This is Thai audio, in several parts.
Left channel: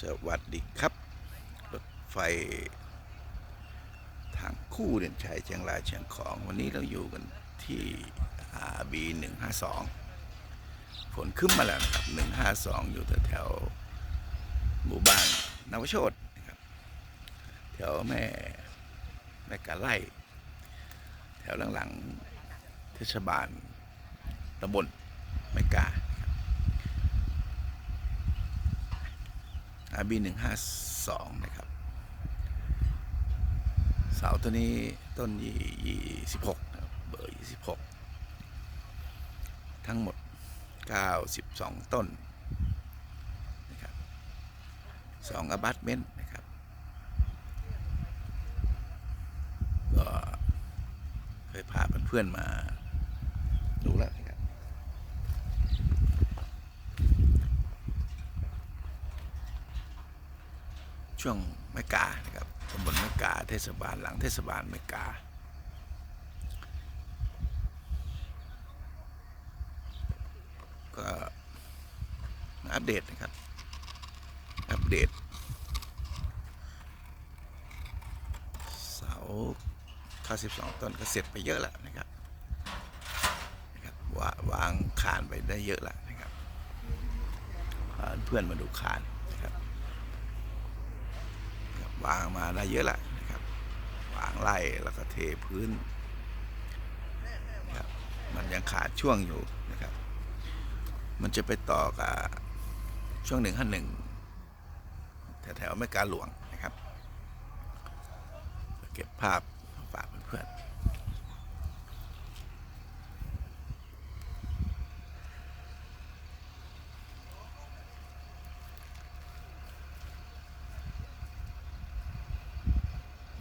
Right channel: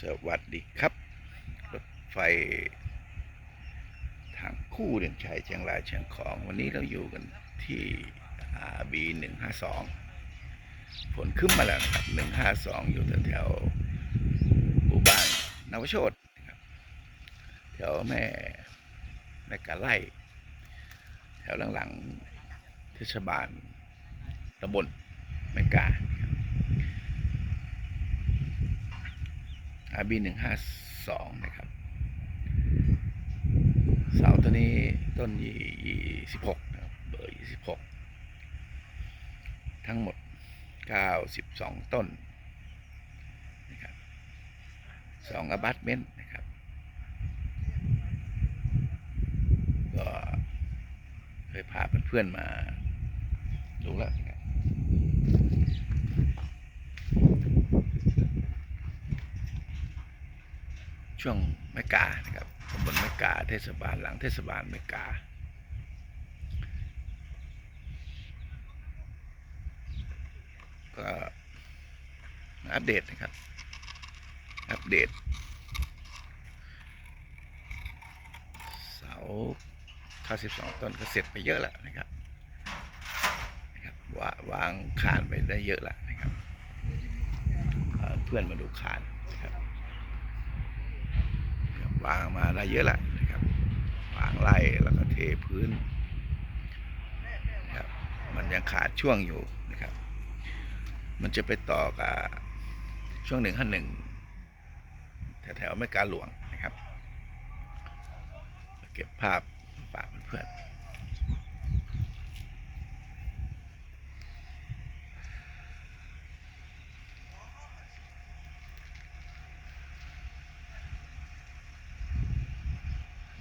สวัสดีครับ รถไฟ ทางคู่เด่นชัยเชียงรายเชียงของ วันนี้เราอยู่กันที่ RB 152ฝนขึ้นมาแล้วนะครับ 152 อยู่แถวหมู่บ้านนวโชตนะครับ แถวแม่แม่กาไล่แถวหลังๆเทศบาลตำบลแม่กานะครับ RB หนึ่งห้าสองนะครับ เสาตัวนี้ต้นยี่สิบหกนะครับเบอร์ยี่สิบหกทั้งหมดเก้าสิบสองต้นนะครับสองอบัตเมนต์นะครับก็เคยพาเพื่อนๆมาดูแล้วนะครับ ช่วงแมกานะครับตำบลแมกาเทศบาลหลังเทศบาลแมกาก็อัปเดตนะครับ อัปเดต เสา92ต้นก็เสร็จไปเยอะแล้วนะครับนะครับวาวางคานไปได้เยอะแล้วนะครับ เพื่อนมาดูคานนะครับ วางมาได้เยอะแหละนะครับวางไล่แล้วก็เทพื้นนะครับมันยังขาดช่วงอยู่นะครับ มันจะไปต่อกับช่วงหนึ่งห้าหนึ่งแถวๆไม่กาหลวงนะครับ เก็บภาพฝากเพื่อนๆ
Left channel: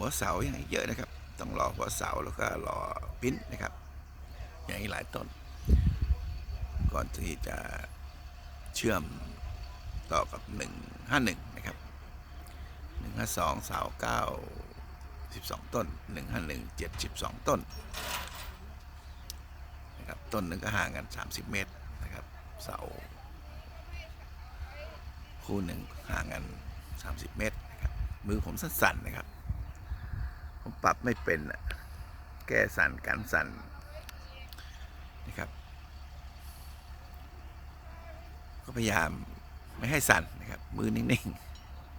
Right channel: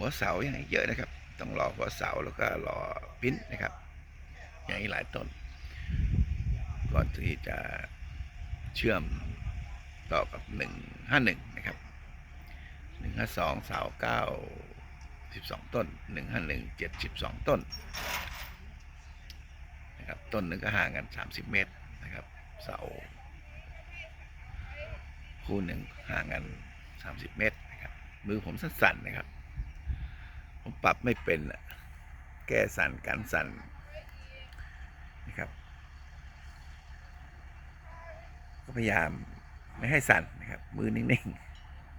หัวเสายังเยอะนะครับ ต้องรอหัวเสาแล้วก็รอปิ้นนะครับ อย่างอีกหลายต้น ก่อนที่จะเชื่อมต่อกับ 151 นะครับ 152เสา9 12 ต้น 151 72 ต้นนะครับต้นหนึ่งก็ห่างกัน 30 เมตรนะครับเสาคู่หนึ่งห่างกัน 30 เมตรนะครับมือผมสั้นๆนะครับ ผมปรับไม่เป็นอะแก้สั่นกันสั่นนะครับ ก็พยายามไม่ให้สั่นนะครับ มือนิ่ง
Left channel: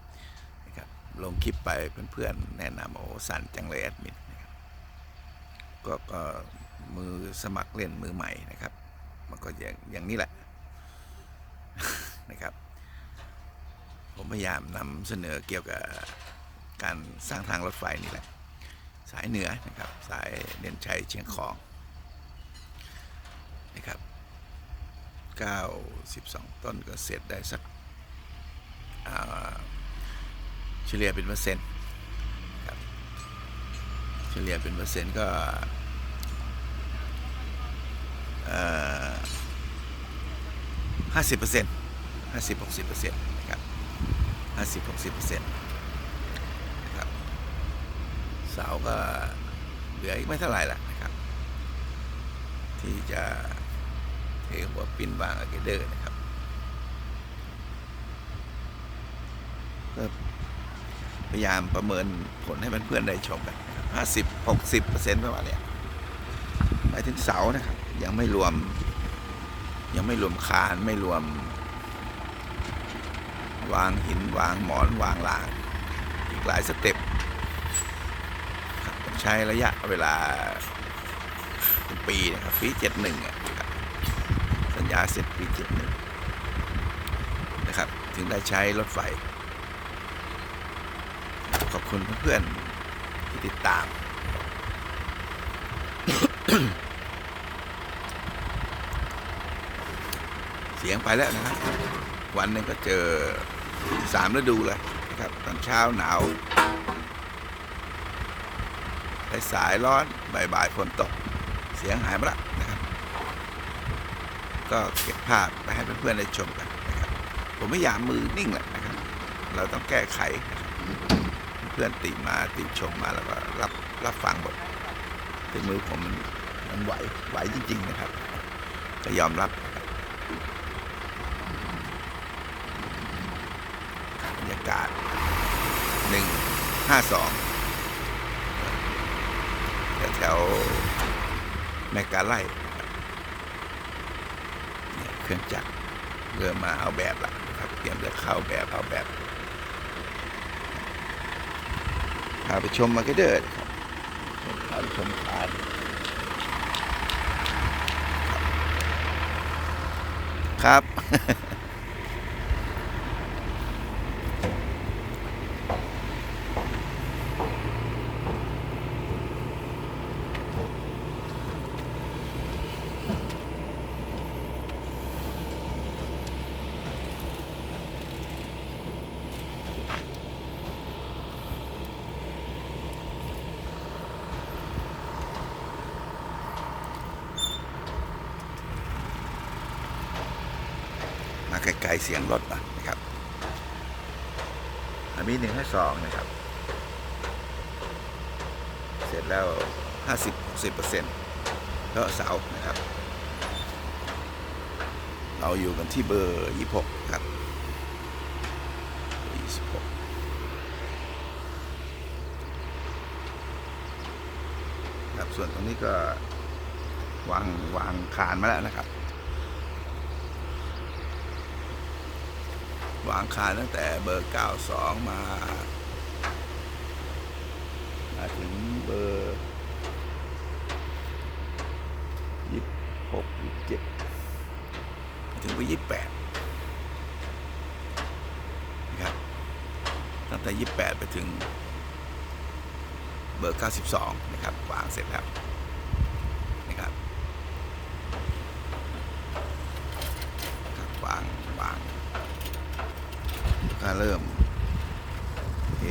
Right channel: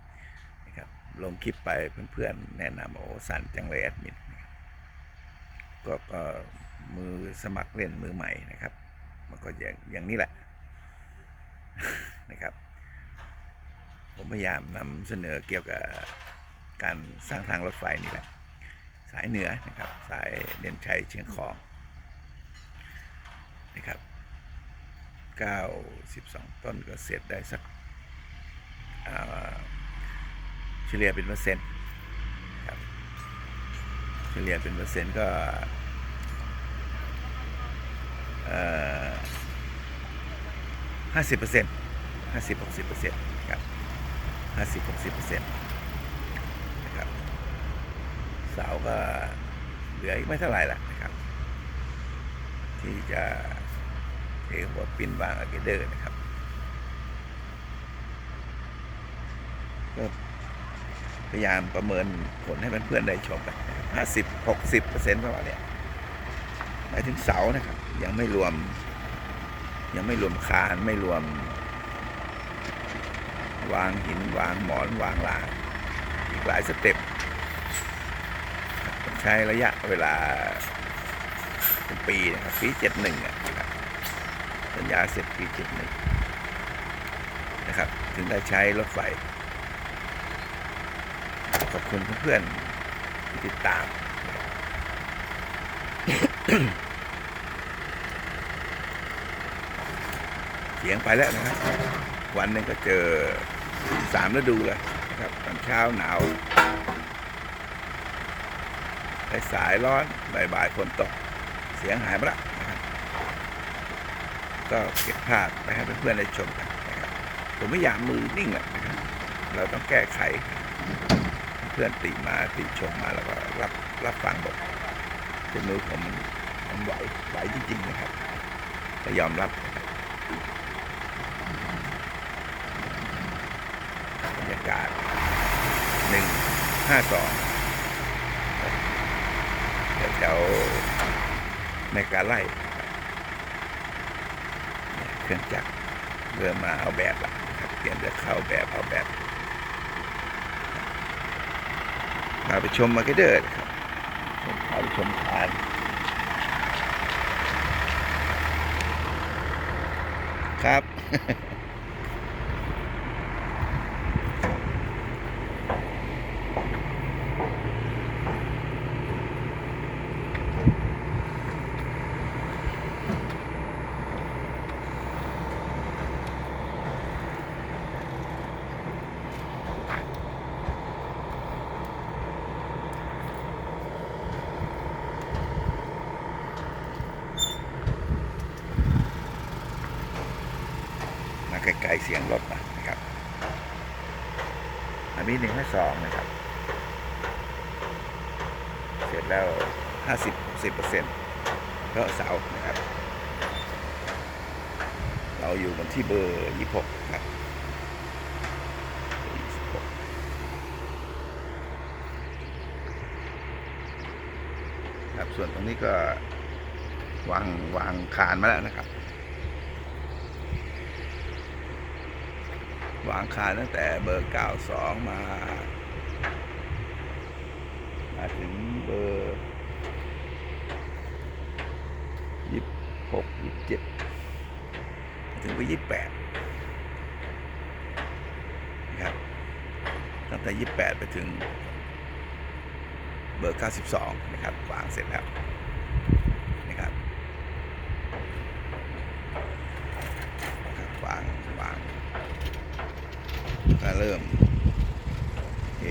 ๆนะครับลงคลิปไปเพื่อนๆแนะนำโอ้สั่นจังเลยแอดมินนะครับก็ก็มือสมัครเล่นมือใหม่นะครับ มันก็อย่างอย่างนี้แหละนะครับ ผมพยายามนำเสนอเกี่ยวกับการสร้างทางรถไฟนี่แหละ สายเหนือนะครับสายเด่นชัยเชียงของนะครับ92 ต้นก็เสร็จได้สักเฉลี่ยเป็นเปอร์เซ็นต์ครับเฉลี่ยเป็นเปอร์เซ็นต์ก็ห้าสิบเปอร์เซ็นต์ห้าสิบหกสิบเปอร์เซ็นต์นะครับห้าสิบหกสิบเปอร์เซ็นต์ เสาก็เหลืออีกไม่เท่าไหร่ละนะครับ ที่จะเทหัวปิ้นบางอะเกเดอร์นะครับก็พยายามประเมินผลให้เพื่อนๆได้ชมกันนะครับห้าสิบหกสิบเปอร์เซ็นต์ประมาณเนี้ยหมายถึงเสานะครับ ยังไม่รวม ยังไม่รวมคานไม่รวม วางหินวางหมอนวางรางอีกหลายสเต็ป ใช้ระยะเวลาเป็นปีนะครับปีเจ็ดหนึ่งนะครับสัญญาเสร็จปีเจ็ดหนึ่งนะครับ ถึงได้ใช้รถไฟ ขอบคุณเพื่อนๆที่ติดตาม เสียงไปแล้วนะครับ วันหนึ่งก็เจอสามฤดูเลยนะครับ ตอนเช้าหนาว สายร้อนบ่ายๆฝนตก เสียงหายไปละนะครับ ก็เก็บภาพไปให้เพื่อนๆได้ชมกันนะครับ ผมไม่อยากมือนิ่งแหละนะครับ เราต้องแก้ไข เพื่อนติมาติชมมาแล้วก็รับรับฟังบทเป็นมือผมมันมันไหวไหวจริงๆนะครับ ก็ยอมรับนะครับบรรยากาศหนึ่งห้าสอง แถวๆในการไล่ครับเนี่ยเครื่องจักรเริ่มมาเอาแบบละนะครับเตรียมจะเข้าแบบเอาแบบพาไปชมมาร์เก็ตเดอร์นะครับพาไปชมคานครับ ไกลๆเสียงรถมานะครับอันนี้หนึ่งห้าสองนะครับ เสร็จแล้วห้าสิบสิบเปอร์เซ็นต์เพาะเสานะครับ เราอยู่กันที่เบอร์ยี่หกครับยี่สิบหกครับส่วนตรงนี้ก็วางวางคานมาแล้วนะครับ วางคานตั้งแต่เบอร์ 92 มา มาถึงเบอร์26 27 ถึงเบอร์28นะครับตั้งแต่ 28 ไปถึงเบอร์ 92 นะครับ วางเสร็จแล้วนะครับครับวางวาง ก็ เริ่มเท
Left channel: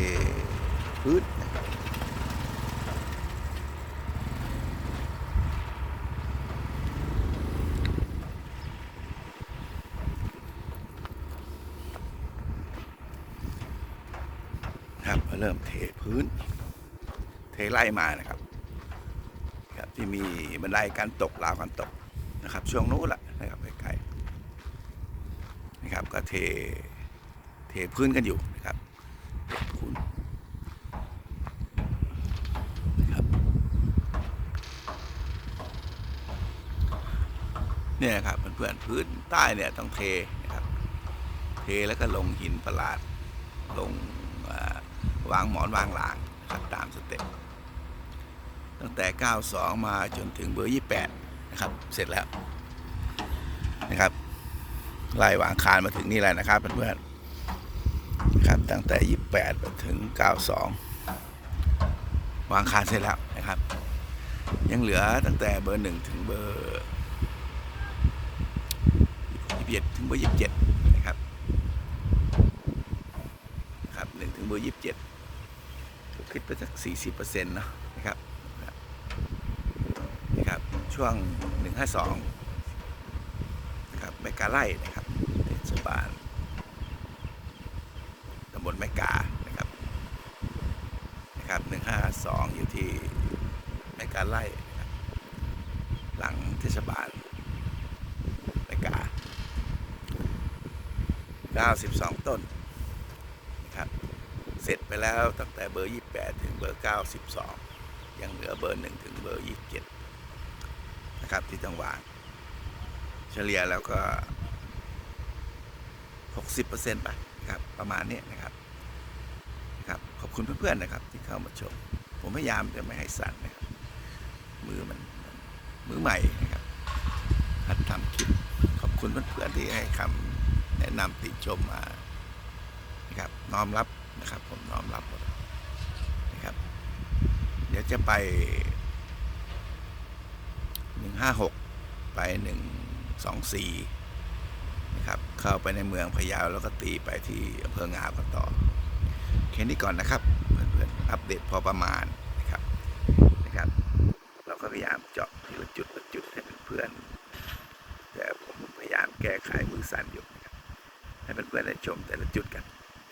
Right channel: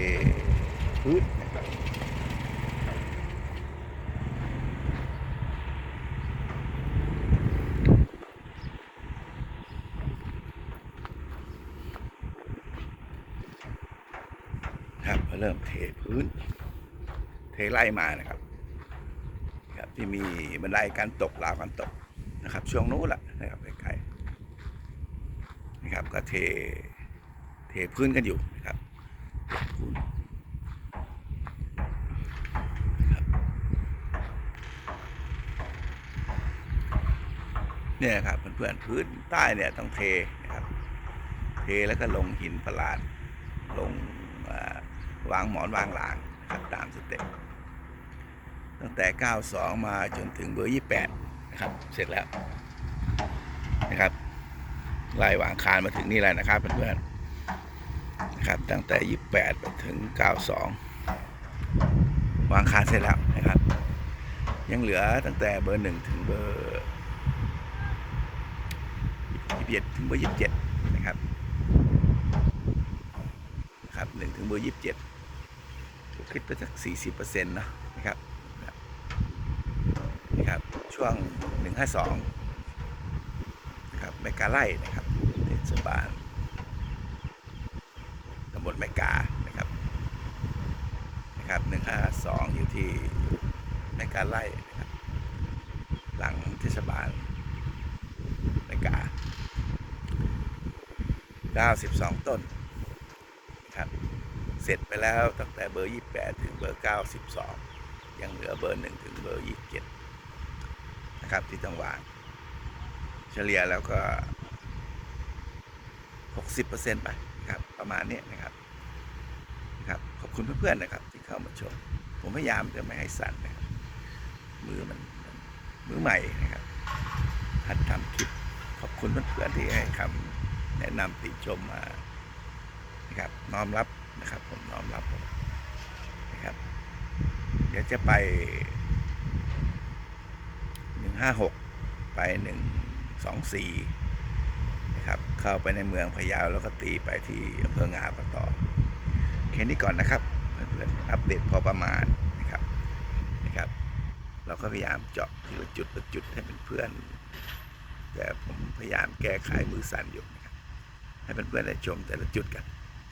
พื้นนะครับครับเริ่มเทพื้น เทไล่มานะครับครับที่มีบันไดการตกราวการตกนะครับ ช่วงนู้นแหละนะครับใกล้ๆนะครับก็เท เทพื้นกันอยู่นะครับพื้นครับเนี่ยครับเพื่อนๆพื้นใต้เนี่ยต้องเทนะครับเทแล้วก็ลงหินประหลาดลงวางหมอนวางหลางครับตามสเต็ปตั้งแต่ 92 มาจนถึงเบอร์ 28 นะครับ เสร็จแล้วนะครับไล่วางคานมาถึงนี่แหละนะครับเพื่อนๆ ครับ ตั้งแต่ 28ไปถึง 92 วางคาเสร็จแล้วนะครับ ยังเหลือตั้งแต่เบอร์ 1 ถึงเบอร์21ถึงเบอร์ 27 นะครับนะครับ1ถึงเบอร์ 27 ก็คิดไปสัก 40%เนาะนะครับนะครับ ช่วง 152 นะครับแมกาไล่นะครับเทศบาลำบลแมกานะครับนะครับหนึ่งห้าสองอยู่ที่แมกาไล่นะครับหลังเทศบาลแมกาเก้าสิบสองต้นครับเสร็จไปแล้วตั้งแต่เบอร์ยี่แปดถึงเบอร์เก้าสิบสองยังเหลือเบอร์หนึ่งถึงเบอร์ยี่เจ็ดนะครับที่ต้องวางเฉลี่ยแล้วก็หกสิบเปอร์เซ็นต์ไป ประมาณนี้นะครับครับ ขอบคุณเพื่อนๆนะครับ ที่เข้ามาชม ผมพยายามจะไม่ให้สั่นนะครับ มือมันมือใหม่นะครับหัดทำคลิปขอบคุณเพื่อนๆที่ให้คำแนะนำติชมมานะครับน้อมรับนะครับ ผมน้อมรับนะครับ เดี๋ยวจะไปหนึ่งห้าหกไปหนึ่งสองสี่ นะครับ เข้าไปในเมืองพะเยาแล้วก็ตีไปที่อำเภองาวกันต่อแค่นี้ก่อนนะครับเพื่อนๆอัปเดตพอประมาณนะครับนะครับ เราก็พยายามเจาะทีละจุดละจุดให้เพื่อนๆแต่ผมพยายามแก้ไขมือสั่นอยู่นะครับให้เพื่อนๆได้ชมแต่ละจุดกัน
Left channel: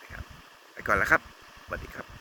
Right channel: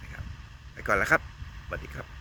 นะครับไปก่อนแล้วครับสวัสดีครับ